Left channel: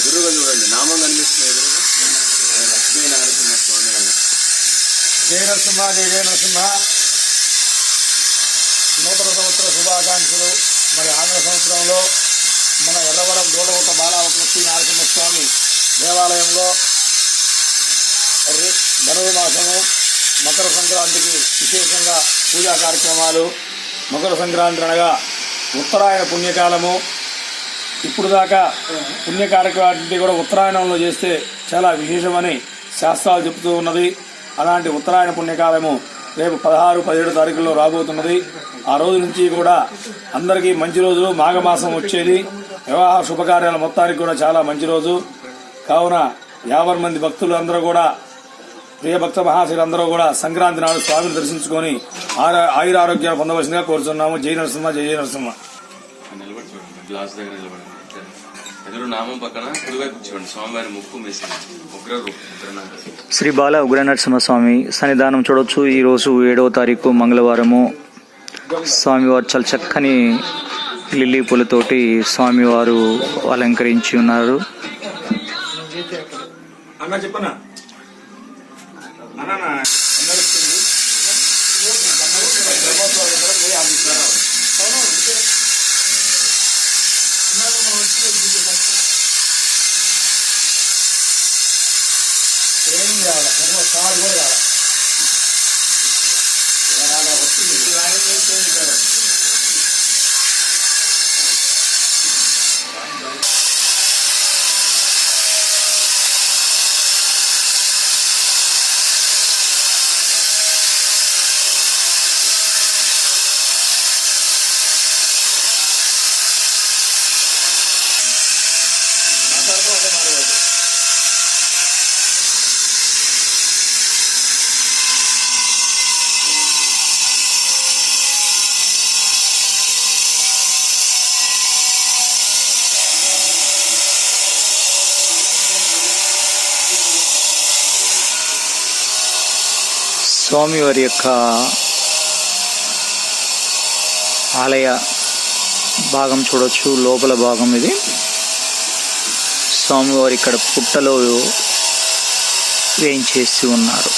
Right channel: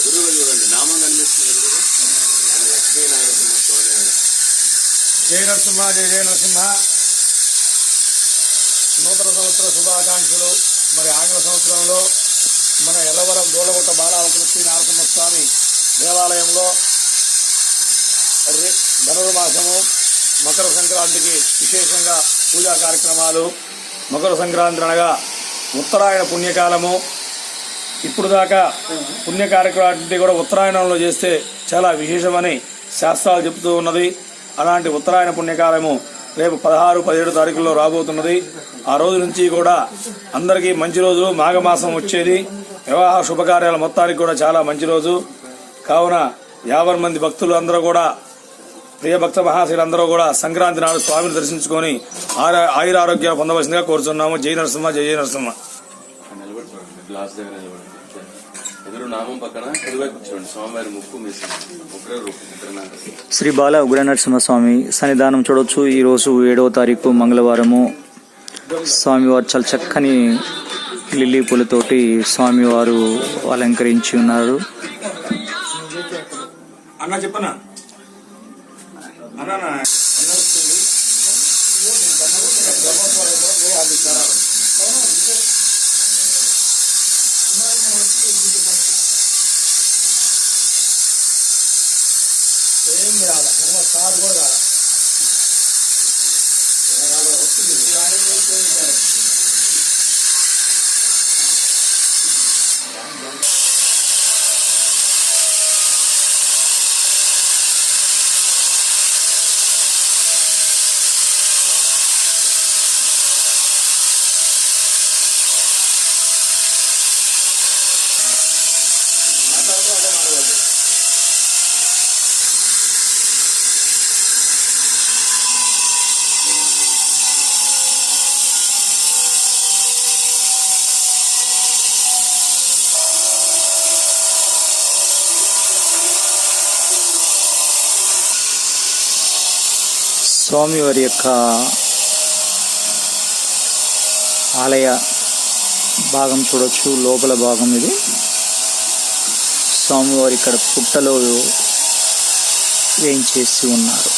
ఎదురుగా చూడండి, నామం కనిపిస్తుంది ఎదురుగా. లక్ష్మీ నరసింహ స్వామి. జయ నరసింహ, జయ జయ నరసింహ. నూతన సంవత్సర శుభాకాంక్షలు. మరి ఆంగ్ల సంవత్సరంలో మన ఎర్రవరం దూడగుట్ట బాలలక్ష్మీ నరసింహస్వామి దేవాలయంలో ధనుర్మాసము మకర సంక్రాంతికి విశేషంగా పూజా కార్యక్రమాలు. మకర సంక్రాంతి అనగా ఉత్తరాయణ పుణ్యకాలము. ఇప్పుడు దాకా పుణ్య కార్యక్రమాన్ని కూడా ఉత్తరాయణంలో చేస్తే చాలా విశేషమని శాస్త్రాలు చెబుతూ ఉన్నది. అలాంటి ఉత్తరాయణ పుణ్యకాలము రేపు 16, 17 తారీఖుల్లో రాబోతున్నది. ఆ రోజు నుంచి కూడా అందరికీ మంచి రోజు. మాఘమాసం వచ్చేది. వివాహ శుభకార్యాల మొత్తానికి కూడా చాలా మంచి రోజు. కావున 50 మంది భక్తులు అందరూ కూడా, ప్రియ భక్త మహాశీలందరూ కూడా సంక్రాంతి నాడు స్వామిని దర్శించుకొని ఆయురారోగ్యాలు పొందవలసిందిగా కోరుతున్నాము. జై నరసింహ, జై జయ నరసింహ. గ్లాస్ దగ్గర నిలబడండి. ఎదురు నామం పక్కన కుడివైపు కూర్చోండి. స్వామివారి ముక్కు ఉగ్ర రూపం శ్రీ బాల ఉగ్ర నరసింహస్వామి సన్నిధానం చూడొచ్చు. ఈ రోజు 7వ తారీఖు మంగళవారము. స్వామివారు చాలా చక్కని లిల్లీ పూలతోటి స్వామివారు అలంకరించి ఉన్నారు. స్వామివారి యొక్క ఆలయ భాగం చూడొచ్చు. లోపల భాగం ఇది. స్వామివారు ఇక్కడ పుట్టలో వేయించేసి ఉన్నారు.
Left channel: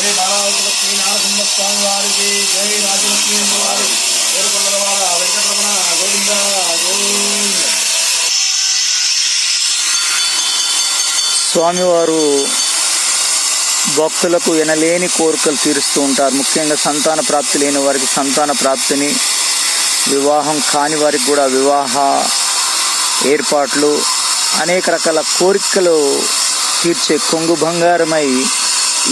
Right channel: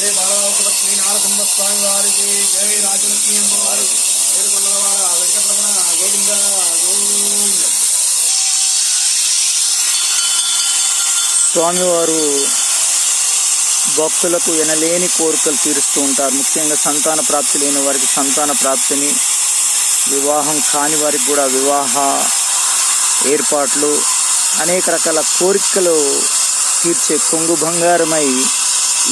జై బాలలక్ష్మీ నరసింహ స్వామి వారికి జై. రాజలక్ష్మీ వారికి పేరుకొండలవాడ వెంకటరమణ గోవింద గోవింద. స్వామివారు భక్తులకు ఎనలేని కోరికలు తీరుస్తూ ఉంటారు. ముఖ్యంగా సంతాన ప్రాప్తి లేని వారికి సంతాన ప్రాప్తిని, వివాహం కాని వారికి కూడా వివాహ ఏర్పాట్లు, అనేక రకాల కోరికలు తీర్చే కొంగు బంగారమై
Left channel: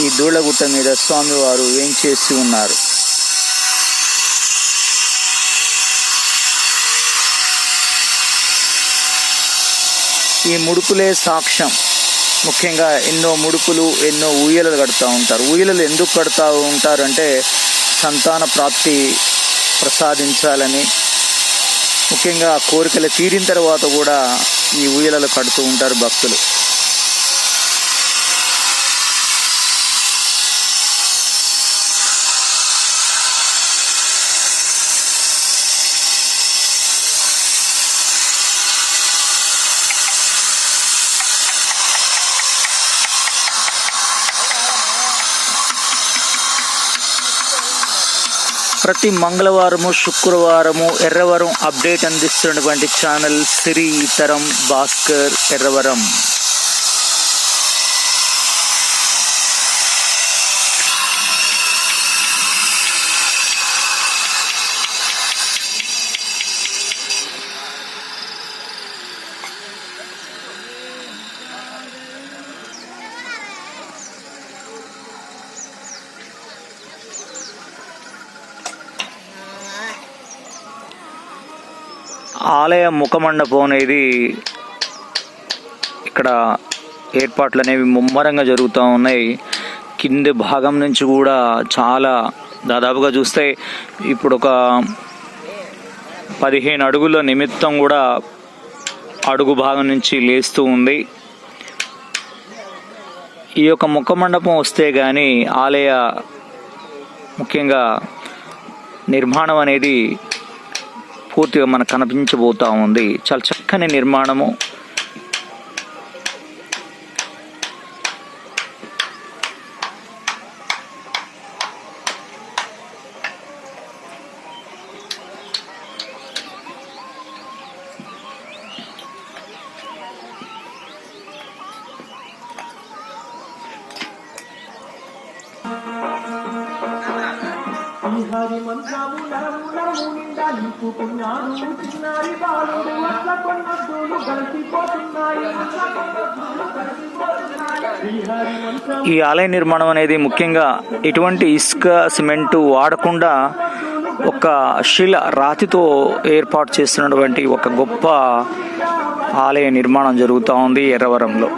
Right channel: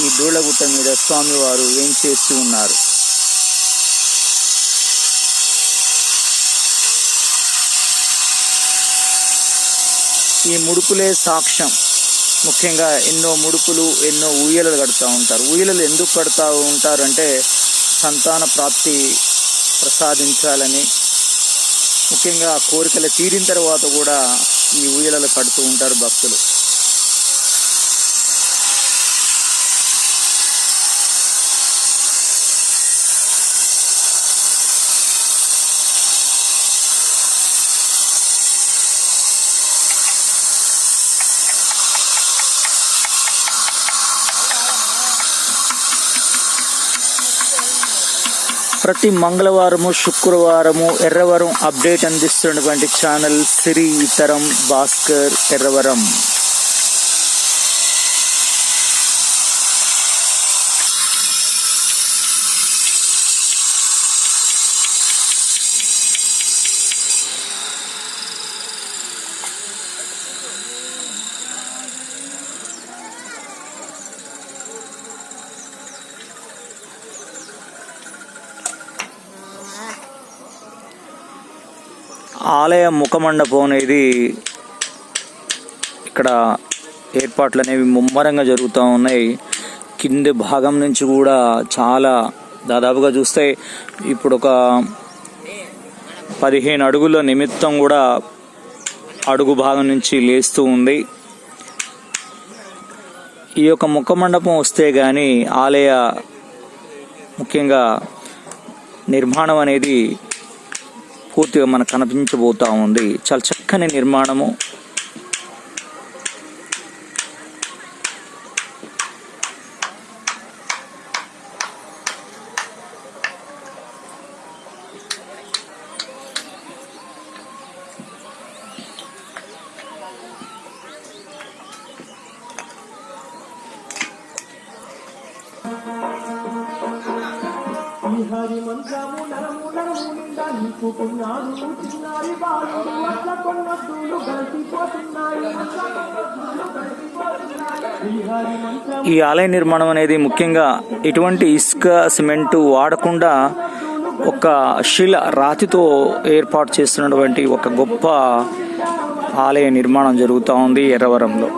ఈ దూళ్ళగుట్ట మీద స్వామివారు వేంచేసి ఉన్నారు. ఈ ముడుపులే సాక్ష్యం. ముఖ్యంగా ఎన్నో ముడుపులు, ఎన్నో ఊయలలు కడుతూ ఉంటారు. ఊయలలు ఎందుకు కడుతూ ఉంటారంటే సంతాన ప్రాప్తి ప్రసాదించాలని. ముఖ్యంగా కోరికలు తీరిన తర్వాత కూడా ఈ ఊయలలు కడుతూ ఉంటారు భక్తులు. ప్రతి మంగళవారము, శుక్రవారము ఎర్రవరం అప్డేట్ అందిస్తున్నటువంటి ఛానల్ శ్రీ తరం భాస్కర్ ఎర్రవరం. ఆలయ ముఖమండపం అనేది ఇక్కడ ఏర్పాట్లు అనేవి ముమ్మరంగా జరుగుతూ ఉన్నాయి. కింది భాగం నుంచి కూడా చాలా దాదాపుగా చూస్తే ఇప్పుడు ఒక 15 అడుగుల నిమిత్తం కూడా అడుగు భాగం నుంచి లేస్తూ ఉంది. ఈ యొక్క ముఖమండపం వస్తే కానీ ఆలయ ముఖ్యంగా నిర్మాణం అనేది పూర్తిగా మనకు కనిపించబోతూ ఉంది. చాలా చక్కని నిర్మాణము. హరి మంత్రము నరము నరము నిండా నింపుకున్నాడు చిన్నారి బాలుడు అట్ల కొన్నద్దులు కలిసిపోతున్నాయి. ఈ ఆలయ నిర్మాణం అనేది ముఖ్యంగా ఎటువంటి ఇసుక సిమెంటు వాడకుండా ఒక శిల రాతితో ఏర్పాటు చేస్తున్నటువంటి ఒక గొప్ప ఆలయ నిర్మాణం జరుగుతూ ఉంది ఎర్రవరంలో.